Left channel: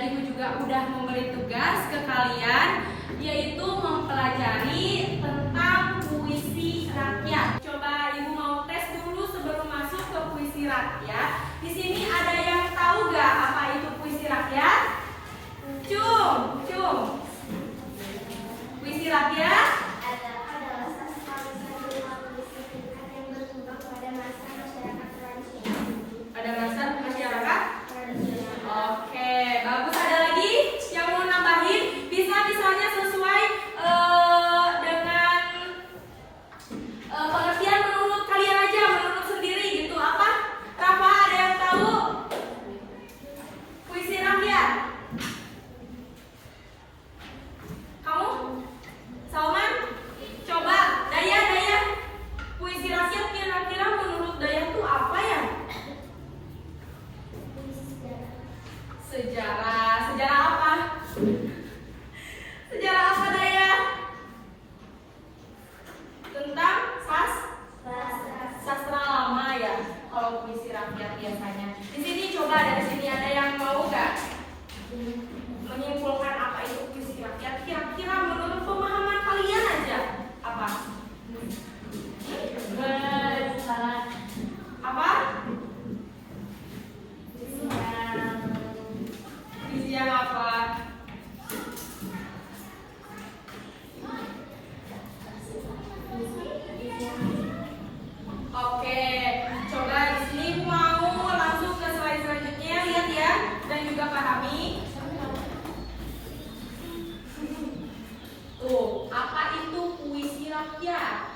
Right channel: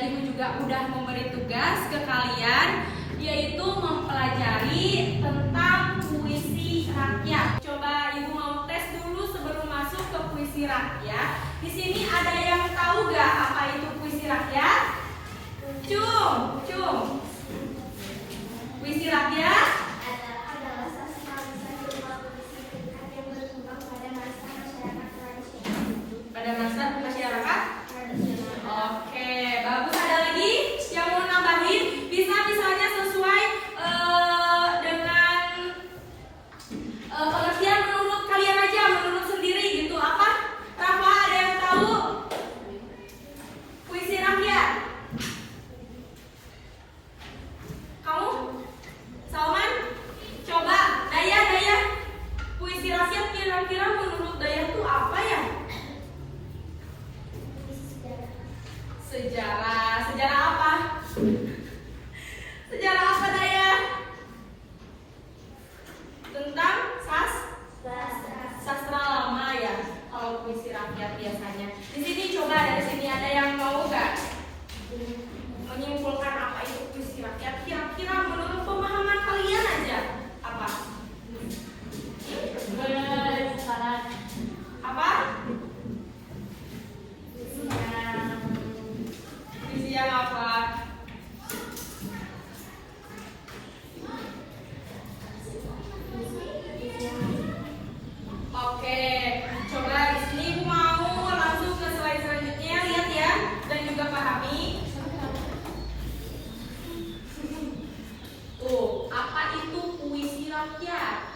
Dan Ibu juga udah memberi tugas ke kalian, yaitu mempelajari tentang puisi rakyat. Coba Ibu mau tes dulu sebelum masuk ke puisi rakyat. Di sini ada yang tahu gak apa itu puisi rakyat? Cum. Puisi rakyat pada masa masyarakat. Oke, bagus. Ada lagi yang mau nambahin? Bisa-bisanya sesuai dengan pengertian menurut kalian aja, menurut sendiri gitu. Apa? Rafa, ada yang tahu puisi rakyat? Kamu? Salman? Coba, Daya. Puisi rakyat kira-kira menurut Daya itu apa ya? Sejarah apa? Sejarah apa Daya? Tentang sastra lama ya. Kalau puisi rakyat biasanya. Di sini coba dari sini ada yang mau nggak menyimpulkan apa itu puisi rakyat? Kira-kira menurut pemahaman kalian aja apa? Apa? Puisi yang apa? Oke, coba di sini mau langsung ke slide selanjutnya, lihat ya, dan juga pahami. Tuh, apa itu puisi rakyat?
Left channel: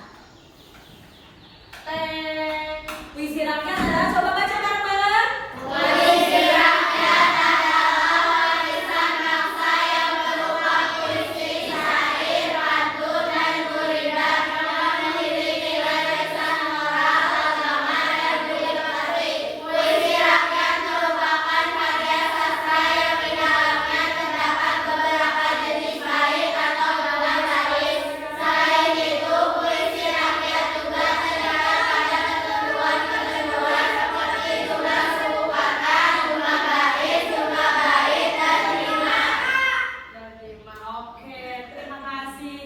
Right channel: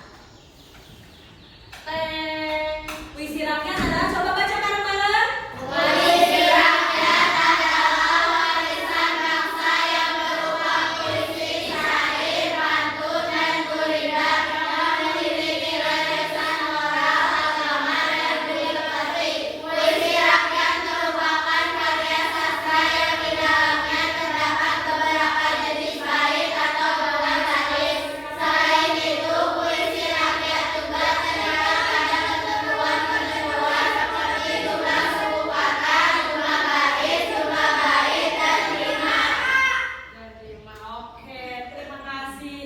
Puisi rakyat adalah, coba baca Carmela. Puisi rakyat adalah warisan bangsa yang berupa puisi, syair, pantun, dan gurindam yang memiliki gagasan moral, agama, dan filosofi. Puisi rakyat merupakan karya sastra yang di dalamnya terdapat beberapa jenis bait atau baris. Selain itu, puisi rakyat juga terdapat pada ketentuan-ketentuan seperti jumlah suku kata, jumlah baris, jumlah bait, dan rima. Oke, terima kasih.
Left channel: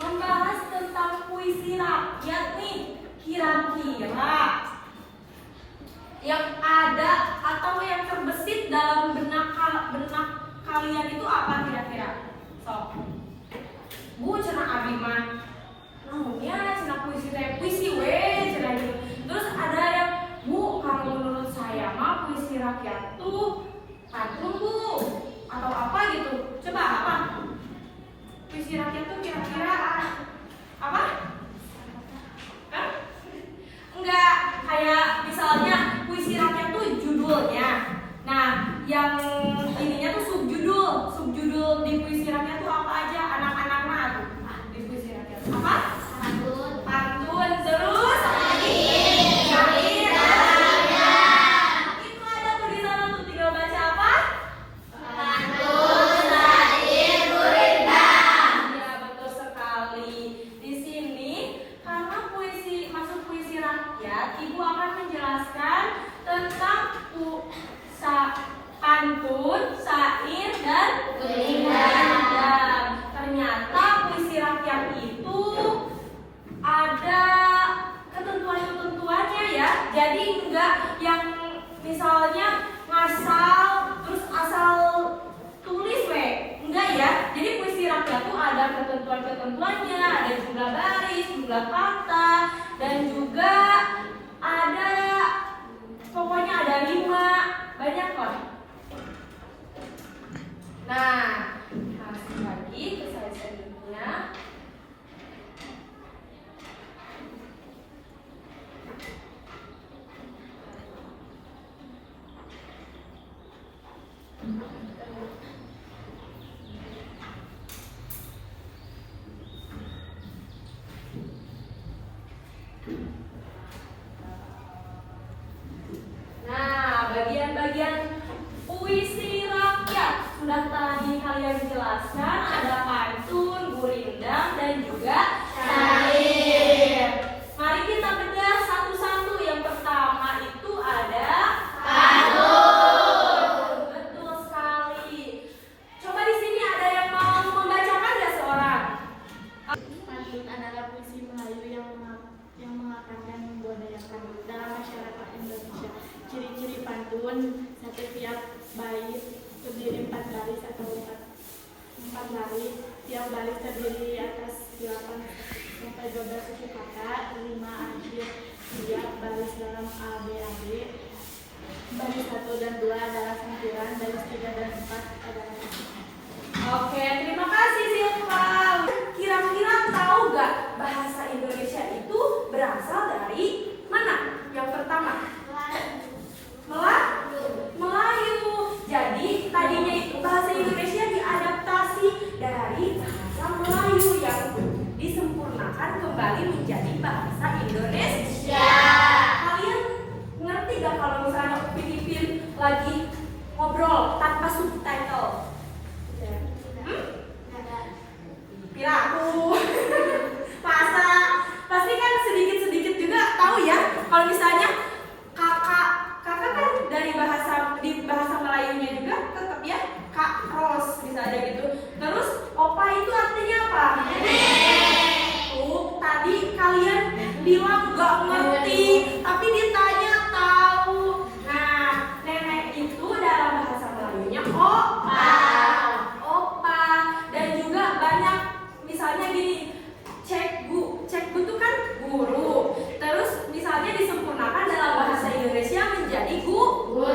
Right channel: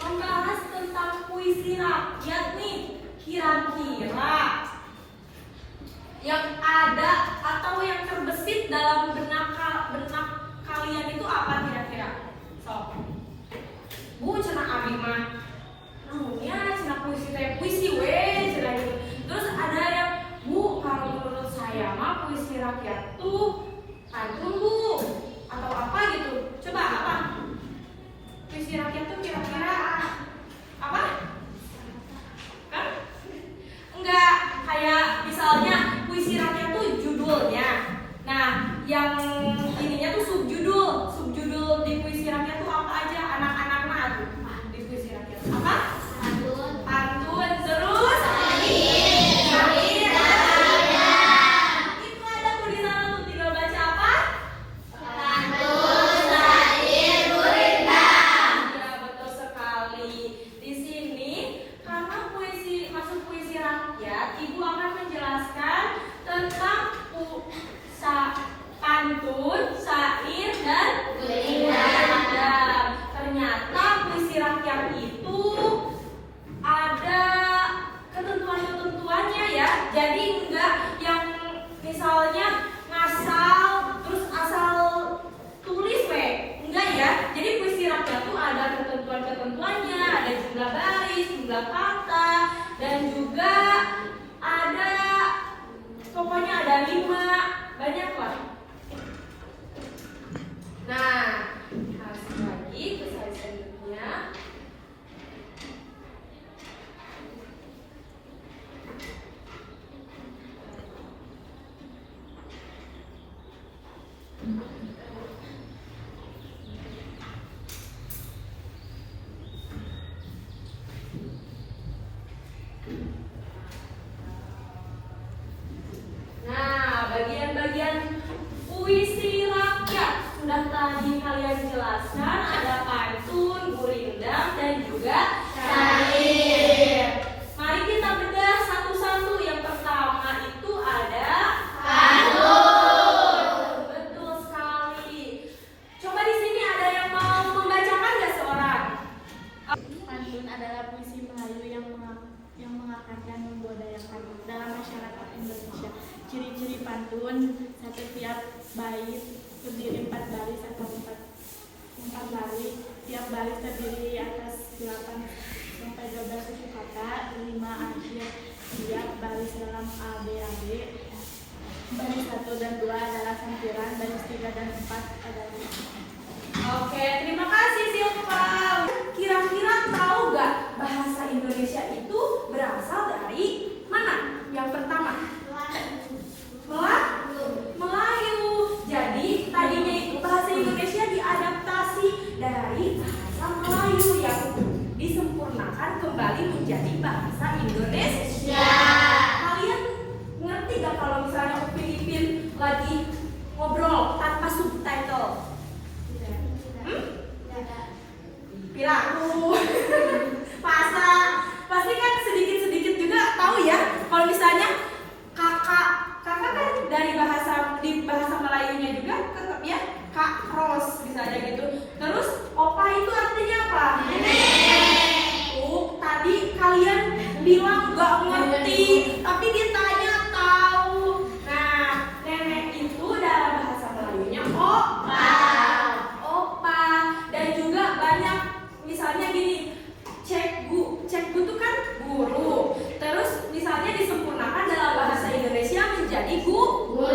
Membahas tentang puisi rakyat nih, kira-kira yang ada atau yang terbesit dalam benak kalian itu apa kira-kira? Bu, cenah abi mah namunnya cenah puisi teh puisi cenah gitu. Terus ada yang, Bu, kalau menurut saya mah puisi rakyat tuh pantun Bu, atau apa gitu. Coba apa? Puisi rakyat tuh kira-kira apa? Kan? Enggak, kayak misalnya puisi rakyat tuh judulnya. Nah, yang ininya tuh subjudul di puisi rakyat tuh apa aja? Anak-anak mah tuh di puisi rakyat. Apa? Pantun, terus syair, itu ada tuh di sana tuh, tinggal baca apa? Pantun, syair, gurindam. Ya, betul sekali. Di sini karena masuk puisi rakyat, Ibu akan menjelaskan tentang pantun, syair, dan gurindam. Ternyata puisi rakyat itu ada ketentuan-ketentuannya ya. Jadi enggak yang misalnya ngasal terus asal tulis enggak ya. Jadi puisi rakyat itu ada ketentuan-ketentuannya, ada jumlah baris, jumlah kata, dan juga ada, pokoknya ada 5, banyak lah. Nah, langsung lagi ke slide selanjutnya. Nah, bagian-bagian puisi rakyat sudah tadi kalian jelaskan, ada pantun, gurindam, dan juga syair. Mari kita bedah satu-satu. Yang pertama itu ada pantun. Betul sekali. baris. Tiap baris terdiri atas 8 sampai 12 suku kata, 5 akhir tiap baris dalam ABAB. Baris 1 dan 2 adalah sampiran, baris 3 dan 4 adalah Oke, terima kasih Silva. Kira-kira tahu nggak bahasa Indonesia itu berasal dari mana? Yang pertama, Melayu. Jadi tadinya itu bahasa Indonesia diadaptasi dari bahasa Melayu yang disempurnakan kembali menjadi bahasa Indonesia. Kalian ngerti gak kalau misalnya Upin lagi ngobrol tanpa subtitle? Pilaku, pasti kan sedikit-sedikit juga tahu ya. Kalau misalnya kakak kan dari di bahasa Melayunya juga tetap ya Kak Ros misalnya gitu. Terus opa itu artinya apa? Tadi kalian bilang gak ngerti, tapi ditanya tahu. Nah, nenek itu dalam bahasa Melayunya opa. Dan juga banyak misalnya gini, cekgu itu kan guru. Terus misalnya disempurnakan dalam bahasa Indonesia menjadi guru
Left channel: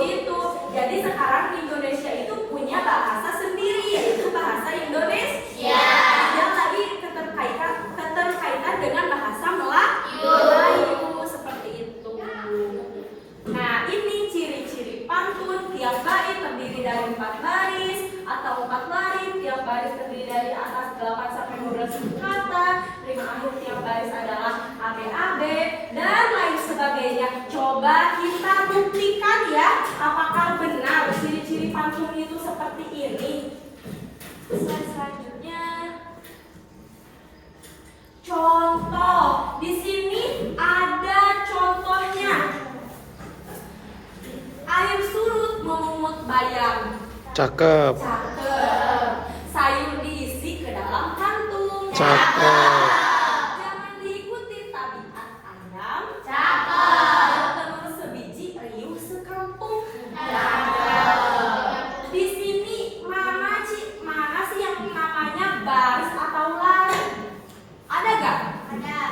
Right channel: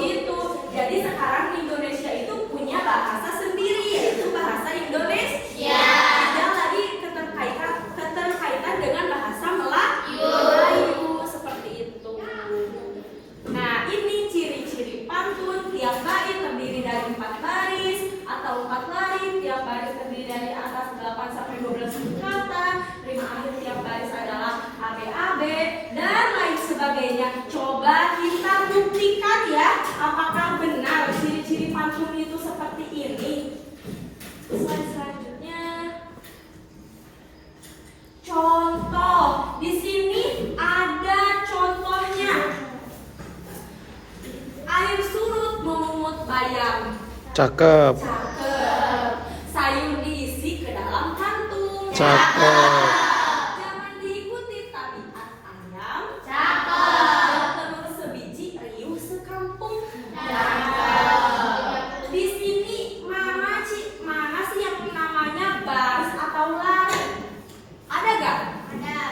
gitu. Jadi sekarang Indonesia itu punya bahasa sendiri, yaitu bahasa Indonesia. Yang tadi keterkaitan dengan bahasa Melayu seperti itu. Nah, ini ciri-ciri pantun. Tiap baris terdiri dari 4 baris atau 4 baris. Tiap baris terdiri dari atas 8 sampai 12 suku kata. Rima akhir tiap baris adalah ABAB dan lain sebagainya. Coba kita buktikan ya, apakah benar ciri-ciri pantun itu seperti ini. Slide selanjutnya. Contoh, di sini ada contohnya. Air surut memungut bayam. Cakep. Sayur diisi ke dalam kantung. Cakep. Jangan diikuti tabiat ayam. Cakep. Telur sebiji riuh sekampung. Di sini mana sih yang namanya baris atau lari? Ada gak?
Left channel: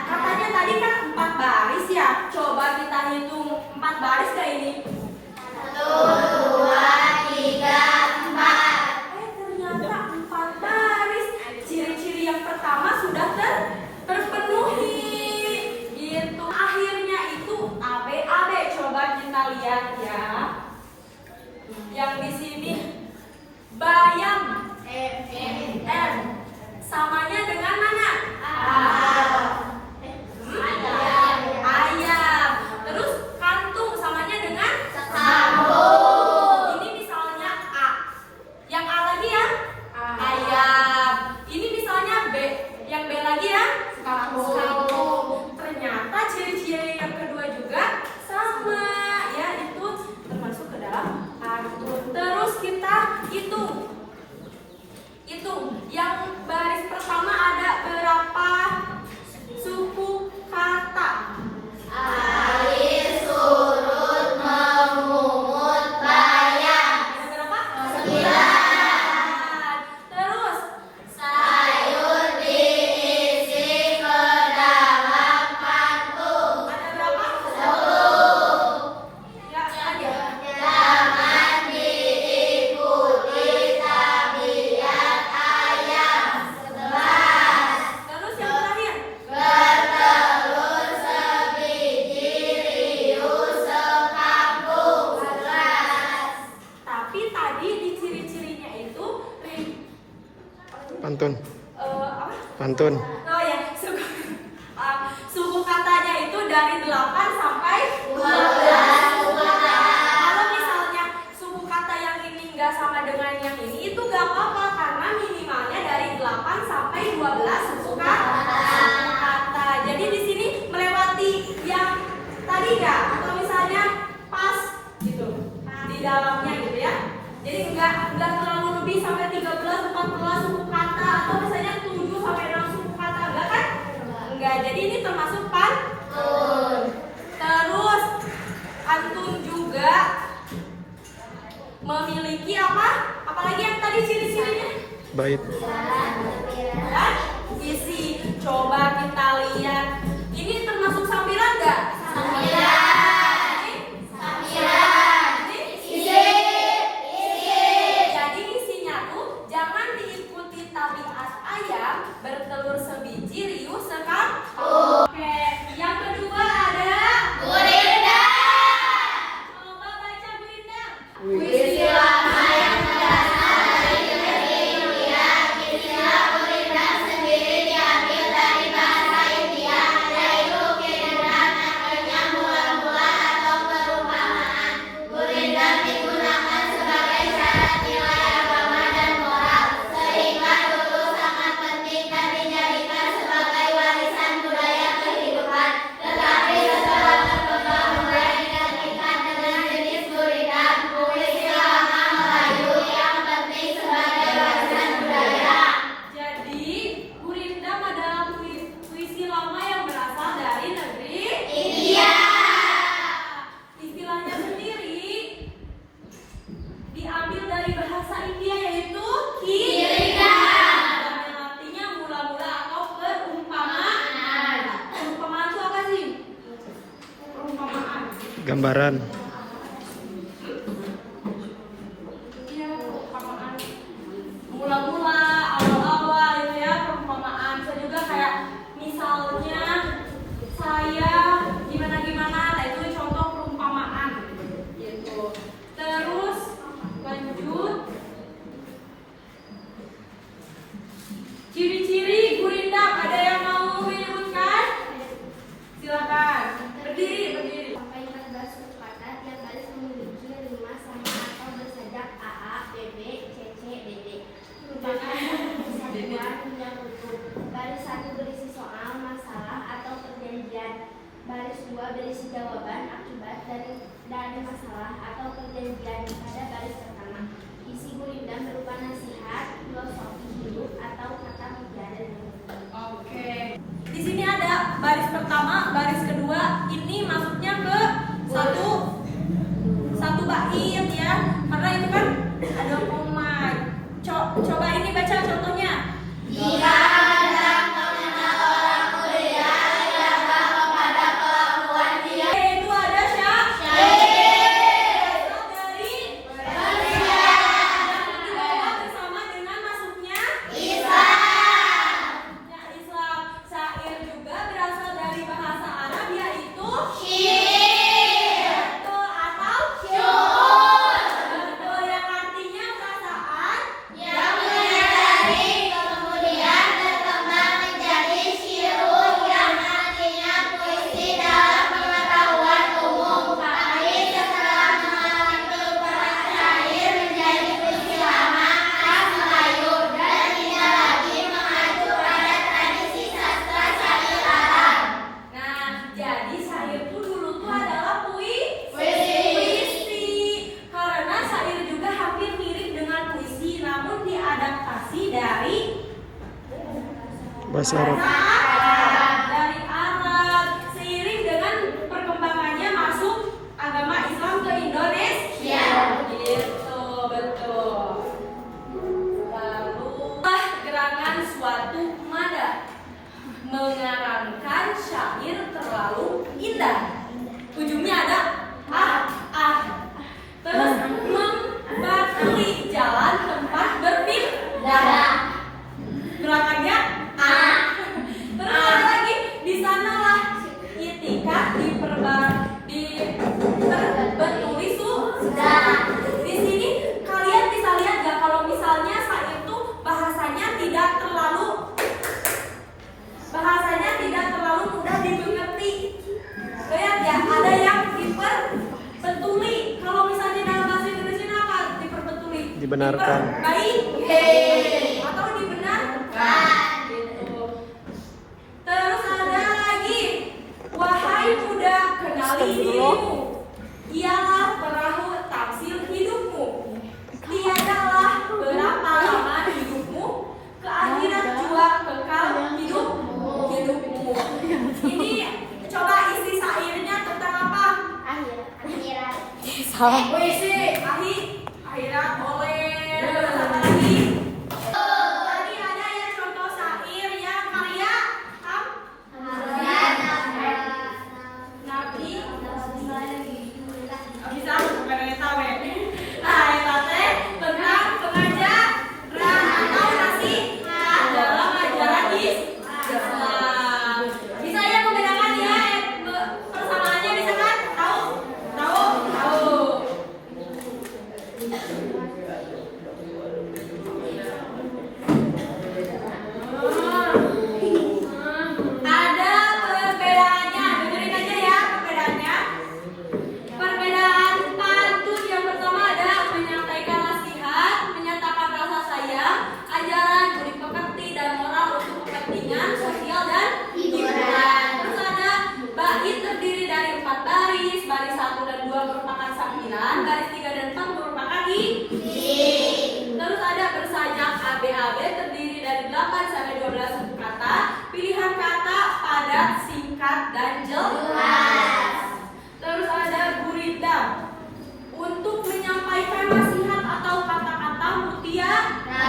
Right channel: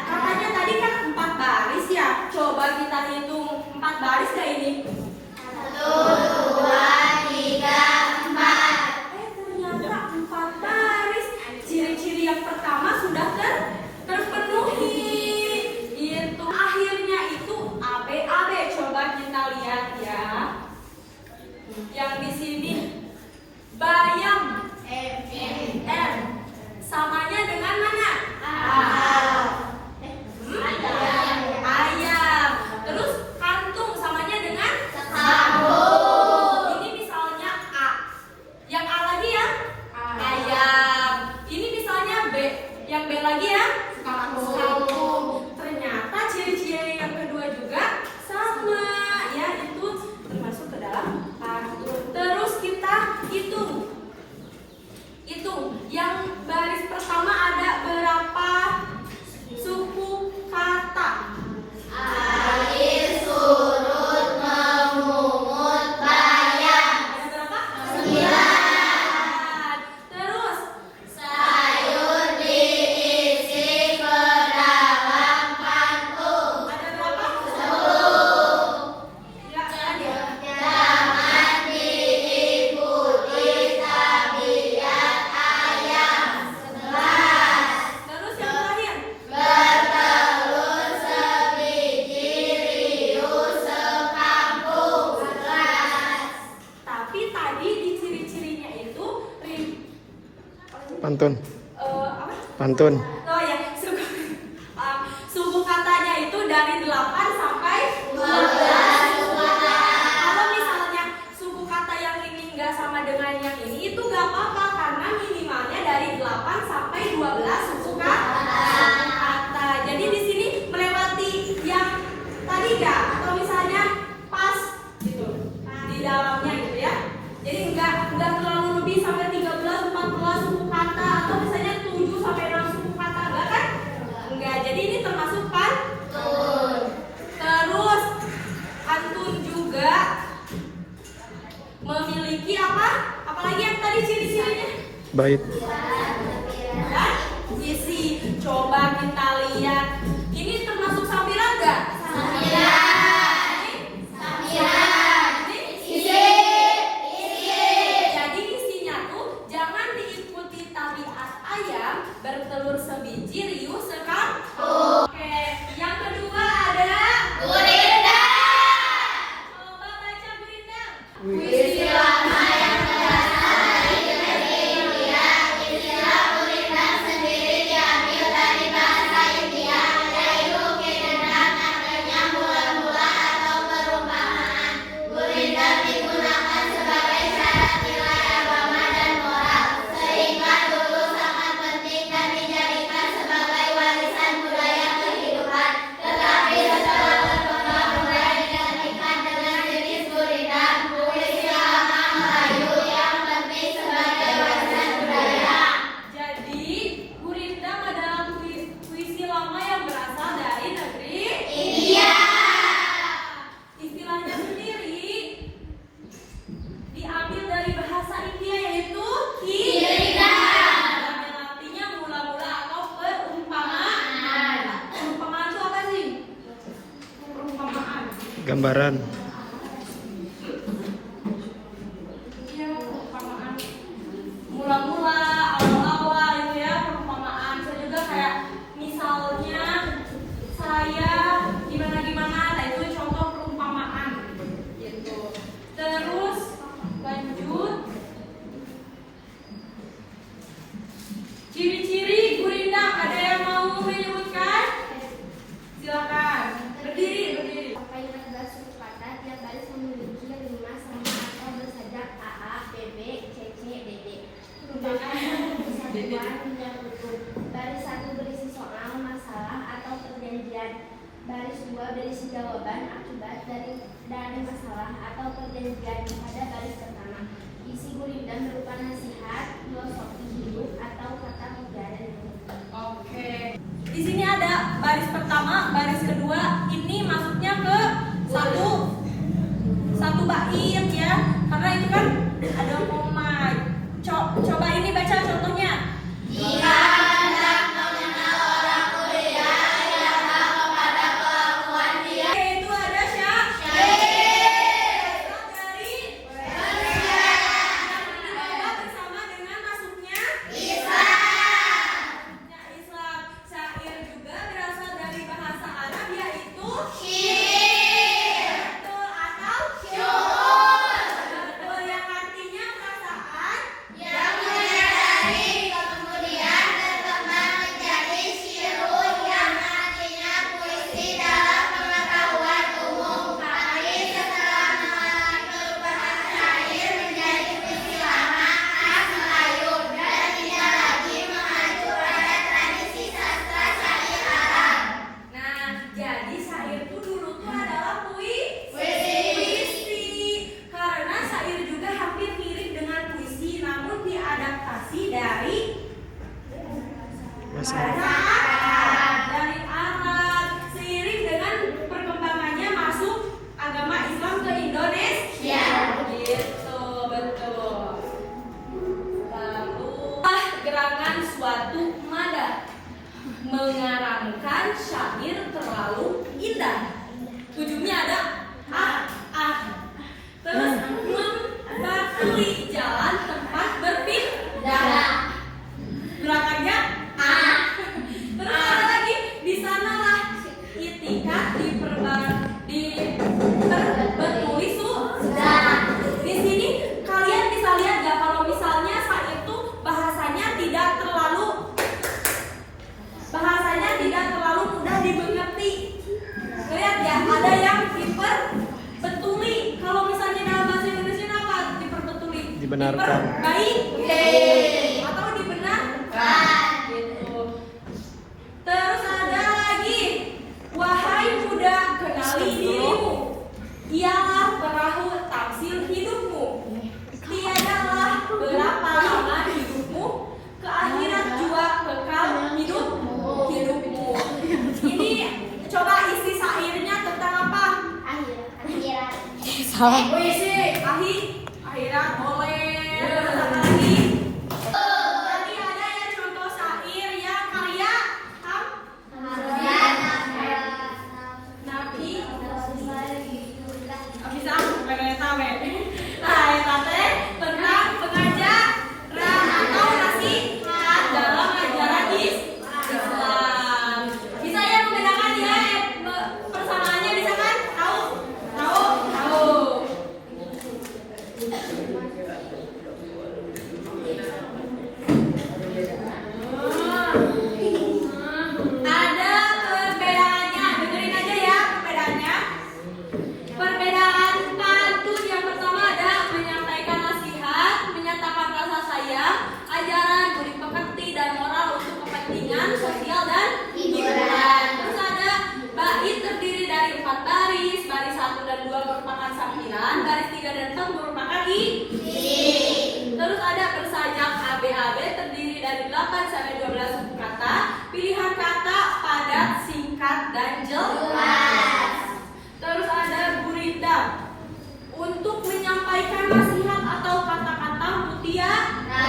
Katanya tadi kan 4 baris ya. Coba kita hitung 4 baris gak ini? 1, 2, 3, 4. Ternyata 4 baris. Ciri-ciri yang pertama sudah terpenuhi. Gitu. Akhirnya itu ABAB. Coba kita lihat ya. Yang di sini bayam M. Samanya dengan mana? Ayam. Terus kantung samanya dengan ini misalnya A. Yang A lagi ya? Ayam. Ini misalnya B. Yang B lagi ya? Kantung. Ternyata ciri-ciri yang kedua juga sama ya, itu termasuk ke dalam pantun. Terus kita hitung. Yang baris pertama ada berapa suku kata? Air surut memungut bayam. Ada berapa? 9. Terus sayur diisi ke dalam kantung. Ada berapa? 10. Enggak lagi. Jangan diikuti tabiat ayam. 11. Terus yang terakhir. Bertelur sebiji riuh sekampung. 11. Tapi tadi di ciri-cirinya itu Pantun. apa? Pantun. Oh ya, suku katanya itu dari 8 sampai 12 suku kata. Kalau misalnya suku kata yang ini nggak sama dengan yang ini, itu nggak apa-apa karena minimalnya dari 8 sampai 12 suku kata. Jadi di sini melewati yang tadi nggak, atau misalnya pas gitu di dalamnya gitu ya. Jadi nggak terlalu lebih sampai 13, 14 suku kata, atau misalnya 7 sampai 6 suku kata, enggak kan? Enggak, jadi ini termasuk pantun. Terus pantun juga memiliki apa? Apalagi yang tadi ciri-cirinya? bait. Isi, coba kita lihat. Ini termasuk sambilan nggak? Jadi isinya tuh jangan diikuti tabiat ayam bertelur sebiji riuh sekampung. Oke, yang kedua ada gurindam. Coba baca gurindam. Puisi lama yang berasal dari India. Istilah gurindam sendiri diambil dari bahasa India, yaitu gurindam artinya mula-mula atau perumpamaan. Gurindam digunakan sebagai syarat nilai agama dan moral, sehingga dulu sangat penting dan dijadikan sebagai warisan budaya kehidupan. Tetapi setelah berkembang mulai digantikan dengan jenis gurindam puisi lama Melayu yang penting sebagai warisan budaya. Jadi, gurindam adalah puisi lama yang berasal dari negeri India. Istilahnya sendiri diambil dari bahasa India yaitu gurindam. Yang artinya mula-mula atau perumpamaan. Perumpamaan itu apa sih? Perumpamaan. Gambaran. Ya, perumpamaan. Mula-mula, awal-awal gitu ya, perumpamaan. Bisa juga kayak misalnya saya gimana-gimana, nah itu contoh perumpamaan. Gitu. Terus lanjut. Ciri-ciri gurindam, ada yang mau menyebutkan? Silakan. Berdiri. Sampai 14 suku kata, tiap baris memiliki 5 sama atau bersajak AA, BB, CC, DD. Merupakan kesatuan hingga bentuk. Baris 1 berisi soal, masalah, atau perjanjian. Baris 2 berisi jawaban, akibat dari masalah atau perjanjian pada baris pertama. Isi gurindam berupa nasihat, filosofi hidup, atau kata modern. Oke. Di sini ada baris pertama, baris kedua. Ini maksudnya ke satu bait ya. Karena itu kan ada koma. Coba ini baca contohnya. Jika hendak mengenal orang mulia, lihatlah kepada kelakuan dia. Itu ada siapa? Dari bersama dengan masuknya Islam. Syair juga berasal dari bahasa Arab yaitu syair. Betul atau syur? Betul, yang artinya perasaan yang menyadari kemudian berkembang menjadi syur yang artinya puisi dalam pengetahuan umum. Tapi setelah mengalami perubahan syair menjadi puisi lama khas Melayu dan tidak lagi mengacu pada tradisi sastra syair Arab. Nah, jadi syair itu dulu tuh adalah puisi. Karena syair juga hampir mirip dengan puisi, namun diadaptasi dari Bahasa Arab. dari Arab. Seiring dengan perkembangannya masuk agama Islam ke Indonesia. Gitu, betul. Lalu gerangan suatu nada mengarangkan syair terlalu indah. Ujungnya ada terus membatui jalan tempat berpindah. Belakangnya terus ada lagi di sanalah itikat diperbetuli sudah. Di sini kalian bisa lihat ya kalau misalnya saat itu bahasanya tidak terlalu mudah dimengerti. Lihat ya, ada yang diperbetuli. Kalau misalnya dalam bahasa Indonesia apa? Diperbetuli. Dibenarkan. Baik. Atau dibenarkan. Gitu. Terus ada lagi, wahai muda, kenali dirimu. Ialah perahu tafsir hidupmu. Tiadalah berapa lama hidupmu, ke akhirat jua kekal hidupmu. Ini coba isi syairnya tentang apa? Puisi, akhirat boleh. Terus apa lagi? Ada perbedaannya, dengerin aja ya perbedaannya. Perbedaan pantun yang pertama ada menyampaikan nasihat, menyatakan rasa sayang, ajaran, budi pekerti dan moral untuk kepentingan sosial dan hiburan. Terus ada bait terdiri dari 4 baris, baris 1 dan 2 merupakan sampiran, baris 3 dan 4 merupakan inti. Terus ada bersajak ABAB terdiri dari 8 sampai 12 suku kata, pilihan kata padat, singkat dan jelas. Terus ada gurindam untuk menyampaikan nasihat atau kata-kata mutiara.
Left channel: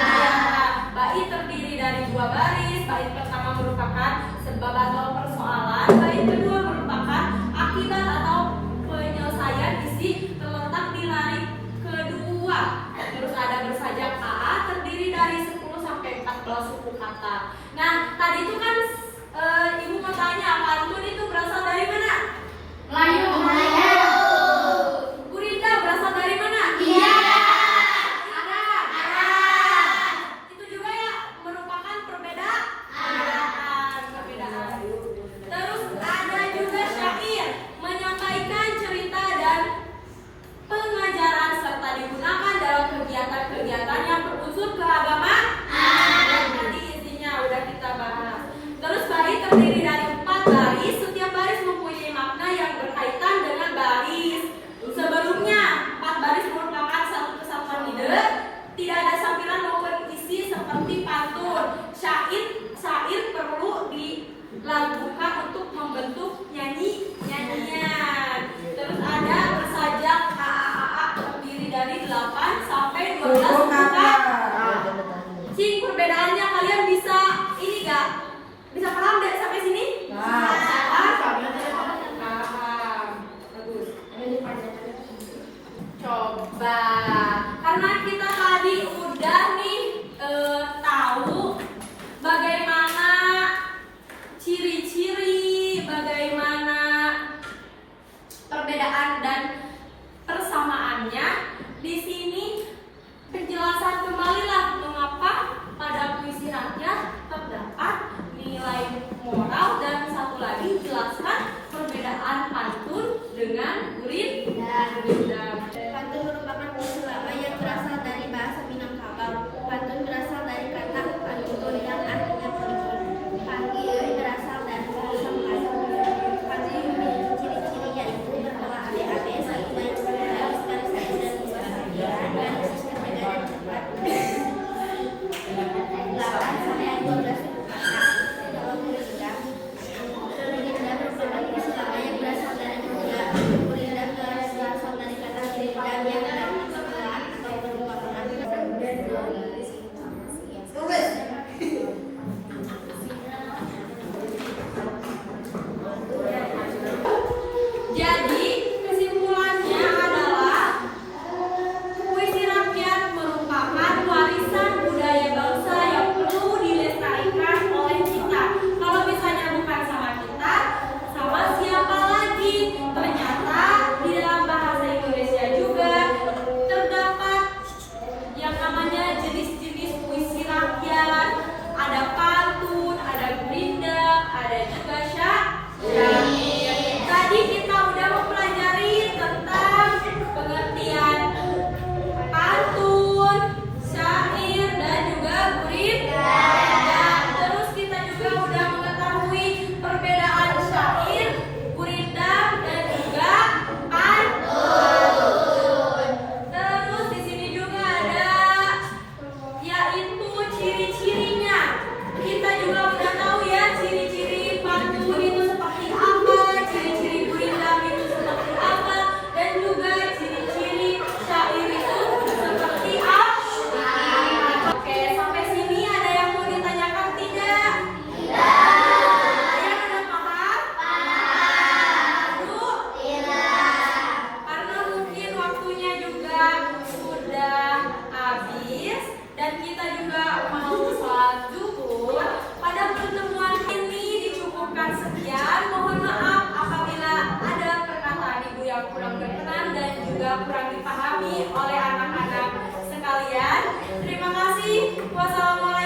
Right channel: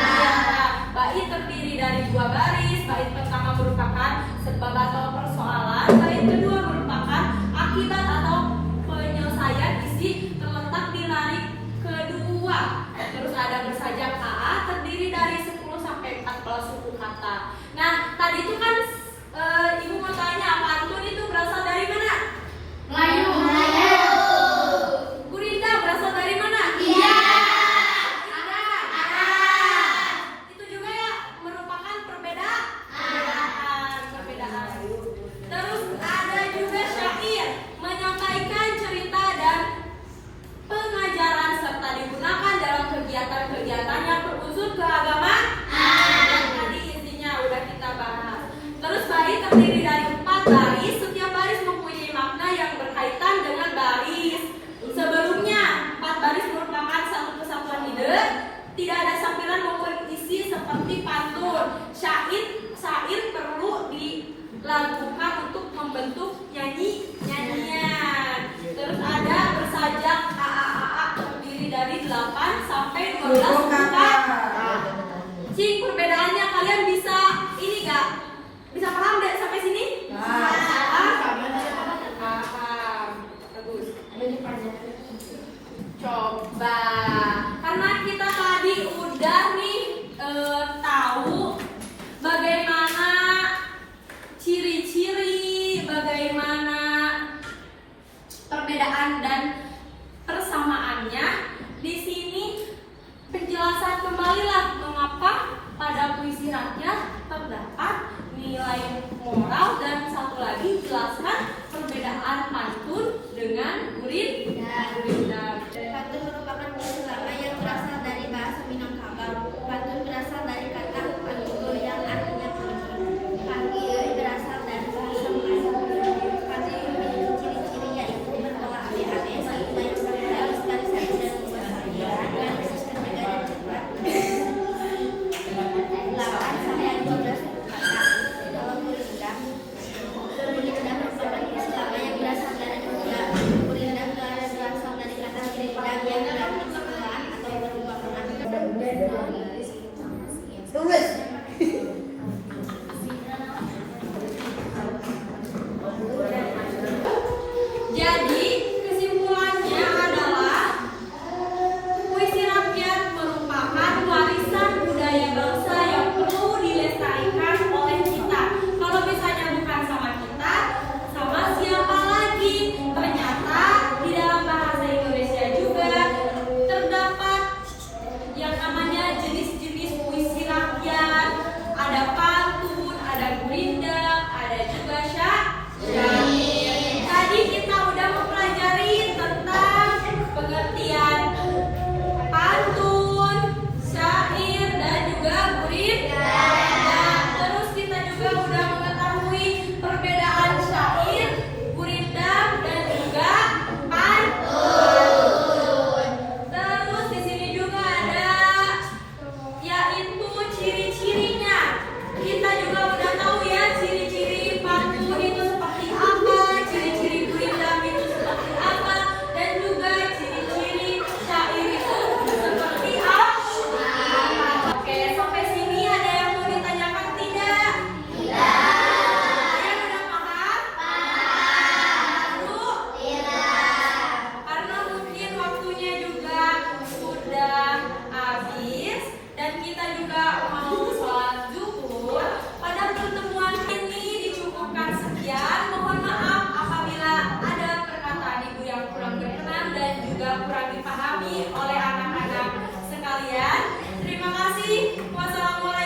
Bait terdiri dari 2 baris, bait pertama merupakan sebab atau persoalan, bait kedua merupakan akibat atau penyelesaian isi terletak di lirik kedua. Terus ada bersajak AA terdiri dari 10 sampai 14 suku kata. Nah, tadi itu kan ibu mau tanya pantun itu berasal dari mana? Melayu. Gurindam berasal dari mana? Iya. Arab. Itu juga ya merupakan perbedaan. Terus ada juga syair menyampaikan cerita dan pengajaran serta digunakan dalam kegiatan-kegiatan yang berunsur keagamaan. Tadi intinya udah kita bahas. Terus bait terdiri dari 4 baris, setiap baris mempunyai makna yang berkaitan dengan baris sebelumnya. 4 baris merupakan satu kesatuan ide, tidak ada sampiran maupun isi seperti pantun. Syair perlu dilakukan untuk membentuk nyanyian. Terus ada bersajak AA terdiri dari 8 sampai 12 kata. Cing, perbedaannya kalian bisa ini gak? Bisa paham deh sampai sini? Paham. Bagus. Coba, karena kita tadi udah nih tahu bagaimana ciri-ciri, bagaimana perbedaan dan persamaannya. Di sini penjelasan kembalilah mengapa pada puisi rakyat terdapat nilai moral dan satu lagi jelaskan perbedaan pantun dengan gurindam. Pantun merupakan puisi lama yang berasal dari bahasa Minangkabau. Pantun berasal dari kata panggil yang artinya pantun. Panggil berasal dari bahasa Melayu. Pantun ciri-ciri yaitu berpola ABAB, baik banyak baris-baris dan baris sampai dari 8 sampai 12 kata. Kalau gurindam merupakan puisi lama yang berasal dari gurindam berasal dari kata gurindam yang artinya atau merupakan Jadi kesimpulannya adalah puisi rakyat merupakan warisan budaya bangsa yang perlu dilestarikan oleh kita. Kalau misalnya bukan sama kita, sama siapa lagi? Ternyata di dalam bahasa Indonesia juga terdapat yang namanya jenis-jenis puisi rakyat. Ada pantun, ada gurindam, ada juga syair. Tadi kita udah mempelajari tentang pengertian pantun, syair, dan juga gurindam. Terus kita juga udah mengetahui perbedaan syair, gurindam, dan juga pantun. Terus di sini juga ada yaitu ciri-cirinya. Kita juga udah tahu ya ciri-ciri pantun itu seperti apa, ciri-ciri gurindam itu seperti apa, dan juga ciri-ciri syair itu seperti apa. Oke, sampai sini ada yang mau ditanyakan tidak? Kalian udah paham? Bu? Karena mungkin waktunya juga sudah habis dan kita juga mau sholat zuhur. Pada pertemuan ini dicukupkan sekian. Mohon maaf apabila ada perkataan ibu yang kurang berkenan dan juga kurang dipahami oleh anak-anak kasih. Wassalamualaikum